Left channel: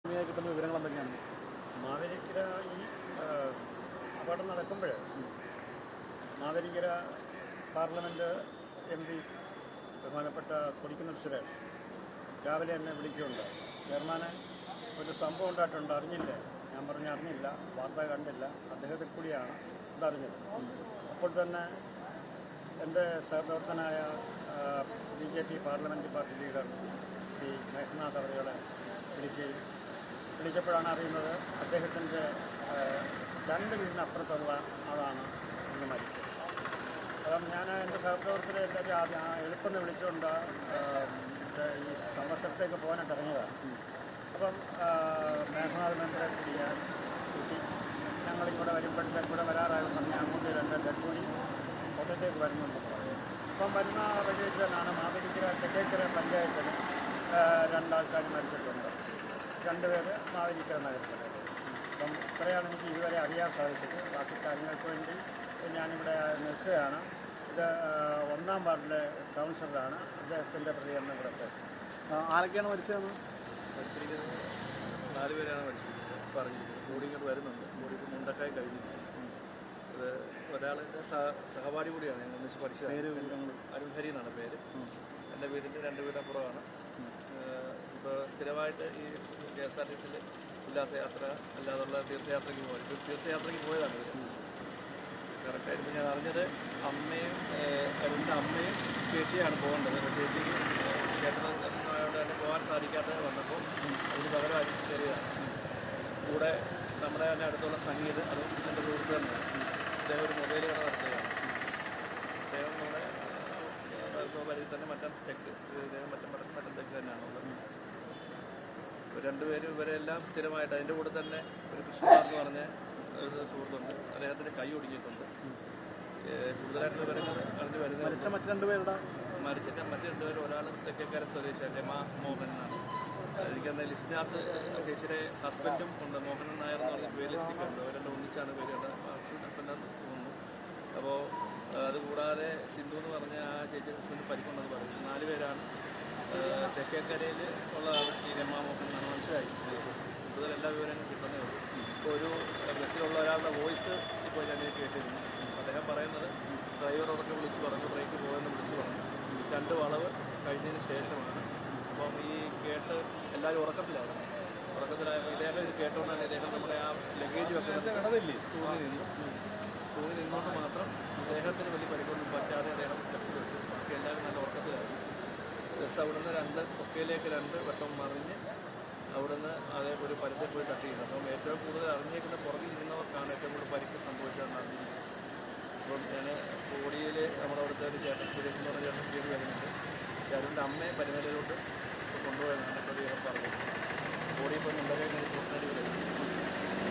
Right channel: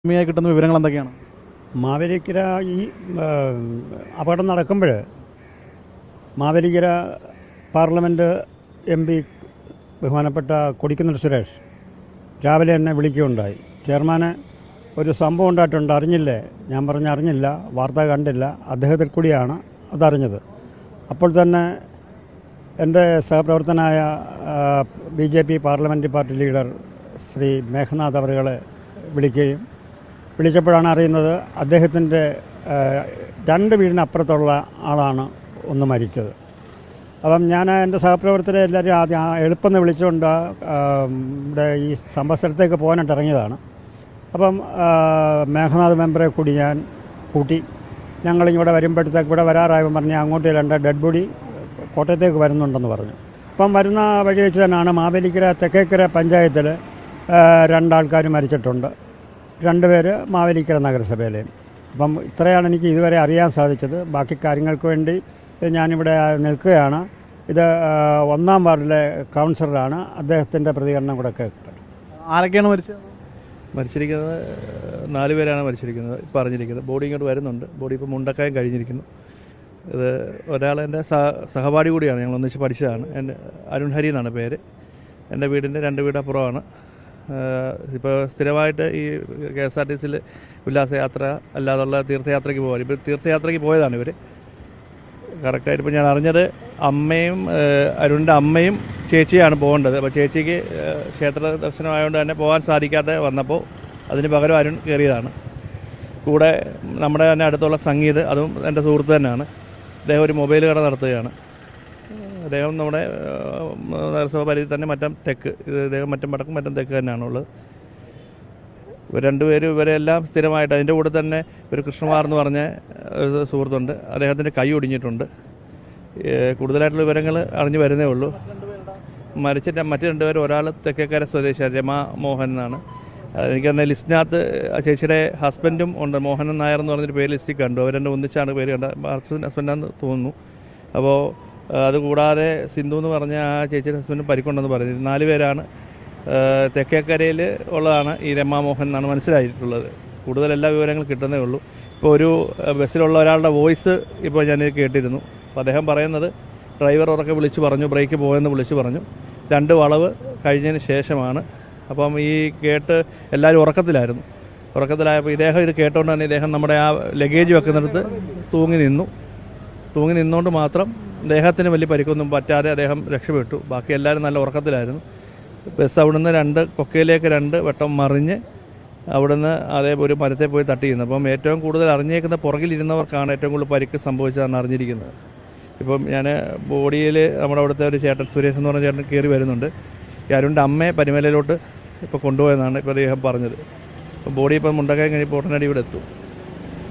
പ്രാഥമികമായി കിട്ടുന്ന വിവരങ്ങൾ എന്തൊക്കെയാണ്? മാവേലിക്കര ഈ അപകടം നടക്കുമ്പോൾ മാവേലിക്കര പാർലമെൻറ്റ് എം പി ബഹുമാനപ്പെട്ട കൊടിക്കുന്നിൽ സുരേഷ് രാവിലെ എന്നെ വിളിക്കുകയുണ്ടായി. ചെയർമാന് ഒരു സംഭവം ഉണ്ടായിട്ടുണ്ട്, അറിഞ്ഞില്ലേ? ഞാൻ അറിഞ്ഞില്ല, വാർത്ത കണ്ടില്ല. അദ്ദേഹത്തിൽ കൂടിയാണ് അതറിഞ്ഞത്. അപ്പോൾ തന്നെ എൻ്റെ സഹപ്രവർത്തനായ BJP parliamentary party leader Shri Meghnath അവരുകളെ വിളിച്ചപ്പോഴാണ് അറിയുന്നത് അദ്ദേഹത്തിൻ്റെ 2 വീടിനപ്പുറത്തുള്ള ആളാണ് ഒന്ന് മരിച്ചത്. അപ്പം ഞാൻ എൻ്റെ സഹപ്രവർത്തകരെ എല്ലാവരും ആദ്യം എളുപ്പം വിളിച്ചുകൊണ്ട് ഇവിടെ ഈ സംഭവസ്ഥലത്തേക്ക് പോകാനായിട്ട് ഇറങ്ങിയതാണ്. അപ്പം മേഘനാഥ് മെമ്പറെ കൂടി ഞാൻ കൂട്ടി ഞങ്ങളിവിടെ വരുമ്പോഴത്തേക്ക് ഇവിടെ വരാറാകും പറഞ്ഞ് അങ്ങോട്ട് 2 ഡെഡ് ബോഡി കോട്ടയത്തേക്ക് വരുന്നുണ്ടെന്ന് പറഞ്ഞു. അപ്പം വരുന്ന വഴി വെച്ച് തന്നെയാണ് മാവേലിക്കര തെക്കേക്കര പഞ്ചായത്തിൽ 2 ആൾക്കാർ മരിച്ചിട്ടുണ്ട്. 2 പേര് മാവേലിക്കര നഗരസഭയിലെ. അപ്പം ഇത്രയാണ് എനിക്ക് ഇതുവരെ അറിയാൻ സാധിച്ചത്. ബാക്കി കാര്യങ്ങൾക്ക് വേണ്ടി ഞാനിവിടെ നിൽക്കുകയാണ്. ഇത് 1-ാം വാർഡിലെ കൗൺസിലറാണ്. അദ്ദേഹത്തിൻ്റെ പ്രതികരണം കൂടെ കേൾക്കട്ടെ. ആരൊക്കെയാണ് മരിച്ചത്? മരിച്ചിരിക്കുന്നത് 4 പേരാണ് മരിച്ചിരിക്കുന്നത്. ഇപ്പോൾ അറിഞ്ഞിരിക്കുന്നത് ബോഡി ഇങ്ങോട്ട് വരുന്നുണ്ട്. ബോഡി ഇപ്പോൾ മുണ്ടക്കായം കഴിഞ്ഞിരിക്കുന്നു. ഇത് ഒരാൾ എൻ്റെ സഹപാഠി കൂടിയാണ്, ഞങ്ങൾ ഒന്നിച്ച് പഠിച്ചതാണ്. എൻ്റെ അരുൺ ഹരി എന്നാണ് പേര്. എൻ്റെ വീടിൻ്റെ 2 വീട് അപ്പുറമാണ്. ഇപ്പോൾ സ്ഥിരമായിട്ട് ഈ KSRTCയിൽ ഉല്ലാസയാത്ര അല്ലാതുള്ള തീർത്ഥയാത്രയ്ക്ക് പോകാൻ ഇപ്പോൾ തീർത്ഥയാത്രയ്ക്ക് പോയതാണ് ഇവർ. കറക്റ്റായിട്ട് ഇപ്പോൾ ഞാൻ അറിഞ്ഞത് അരുണിൻ്റെ അമ്മയും ചേച്ചിയാണ് പോകേണ്ടത്. അപ്പോൾ ചേച്ചിക്ക് ക്ഷേത്ര ദർശനമായതുകൊണ്ട് തന്നെ പോകാൻ സാധിക്കാതെ വന്നപ്പോൾ അതിന് പകരം അരുൺ കയറിയതാണ്. കൂടെ നമ്മുടെ തന്നെ അടുത്തുള്ള സംഗീത്, അതും എൻ്റെ സുഹൃത്ത് തന്നെയാണ്. അദ്ദേഹം ഒരു മൊബൈൽ കട നടത്തുകയാണ്. അദ്ദേഹം നമ്മുടെ നഗരസഭ പരിധി തന്നെ മറ്റം തെക്ക്, ഇദ്ദേഹം മറ്റം വടക്കും മറ്റം തെക്ക് തന്നെയാണുള്ളത്. ഇവർ 2 പേരും ഇവരെല്ലാം സ്ഥിരമായിട്ട്, അതിൻ്റെ കൂടെ തന്നെ ഒരു കൃഷ്ണകുമാർ എന്ന് പറഞ്ഞ ഒരു സുഹൃത്തുണ്ട്, അദ്ദേഹത്തിൻ്റെ കൈ ഒടിഞ്ഞിട്ടുണ്ട്. കൂടുതലായിട്ടുള്ള വിവരങ്ങൾ അറിഞ്ഞു വരുന്നേ ഉള്ളൂ. മരിച്ചിട്ട് മറ്റ് 2 പേർ, ഒരാൾ തെക്കേക്കര സ്വദേശിയാണ്, രമാ മോഹൻ എന്നാണ്. എനിക്കന്ന് ലിസ്റ്റിനകത്ത് ചേച്ചിയുടെ ഹസ്ബൻഡും ഉണ്ട്, മോഹനൻ നായർ എന്ന് പറഞ്ഞൊരു പേര് ലിസ്റ്റിൽ കണ്ടു. അവർ 2 ഒന്നിച്ചാണ് പേര് കണ്ടത്, ഹസ്ബൻഡാണെന്ന് തോന്നുന്നു. അപ്പോൾ അതുകൂടാതെ സിന്ധു എന്ന് പറഞ്ഞ ആ ചേച്ചിയുടെ ഹസ്ബൻഡും പരിക്കുണ്ടെന്ന് പറഞ്ഞു. 4 പേരാണ് തെക്കേക്കരയിൽ ഉള്ളതാണ്. ഈ രമാമോഹൻ എന്നാണ് മനസ്സിലായിട്ടുള്ളത്. കൂടുതൽ എല്ലാ വിവരങ്ങളും കിട്ടുന്നേ ഉള്ളൂ. ഇപ്പോൾ ഒരു ബസ്സിലുള്ള ഒരാളുടെ വോയിസ് ഇപ്പോൾ ഞാൻ കേട്ടിരുന്നു. അപ്പോൾ അദ്ദേഹം പറയുന്നത് ഡ്രൈവർ ഉറക്കെ വിളിച്ച് പറഞ്ഞു, ബ്രേക്ക് പോയെന്ന് വിളിച്ച് പറഞ്ഞു. 2 വളവ് കഴിഞ്ഞതിന് ശേഷമാണ്. അപ്പം ഈ കേട്ട് എല്ലാവരും ഉറക്കത്തിലായപ്പോൾ ഇദ്ദേഹം ഇത് കേട്ടുകൊണ്ട് തന്നെ ഇദ്ദേഹം നമ്മുടെ ആ ലഗേജ് വെക്കുന്നിടത്ത് തൂങ്ങി നിന്നുകൊണ്ട് മാത്രം അദ്ദേഹത്തിന് വലിയ പരിക്കൊന്നും പറ്റാതെ അദ്ദേഹം രക്ഷപ്പെട്ടു. ബാക്കി എല്ലാവരും നല്ല ഉറക്കത്തിലായിരുന്നു. ബസ് അവിടുന്ന് 2 കൊക്കയിലേക്ക് 2 വട്ടം മറിഞ്ഞ് അവിടുന്ന് അതേപോലെ ഒരു മരത്തെ പോയി തട്ടിയിരുന്നു. അപ്പം ഏറ്റവും കൂടുതൽ അറിഞ്ഞേക്കുന്ന പുറകിലിരുന്നവർക്കാണ് ഏറ്റവും കൂടുതൽ പരിക്ക് സംഭവിച്ചതാണ് അറിഞ്ഞിരിക്കുന്നത്. ഇപ്പം ഞാൻ ബോഡിയിൽ നമ്മുടെ അവിടുത്തെ ഒരു ചേട്ടൻ സുരേഷ് എന്ന് പറഞ്ഞ ചേട്ടൻ കയറി വരുന്നുണ്ട്. അരുണിൻ്റെ അമ്മയെ പരിമലയിലോട്ട് ഇപ്പോൾ കൊണ്ടുപോയെന്നാണ് ഇപ്പോൾ അദ്ദേഹം പറഞ്ഞത്. ബോഡി ഇപ്പം മുണ്ടക്കായം കഴിഞ്ഞ് ഉടനടി ഇവിടെ എത്തും.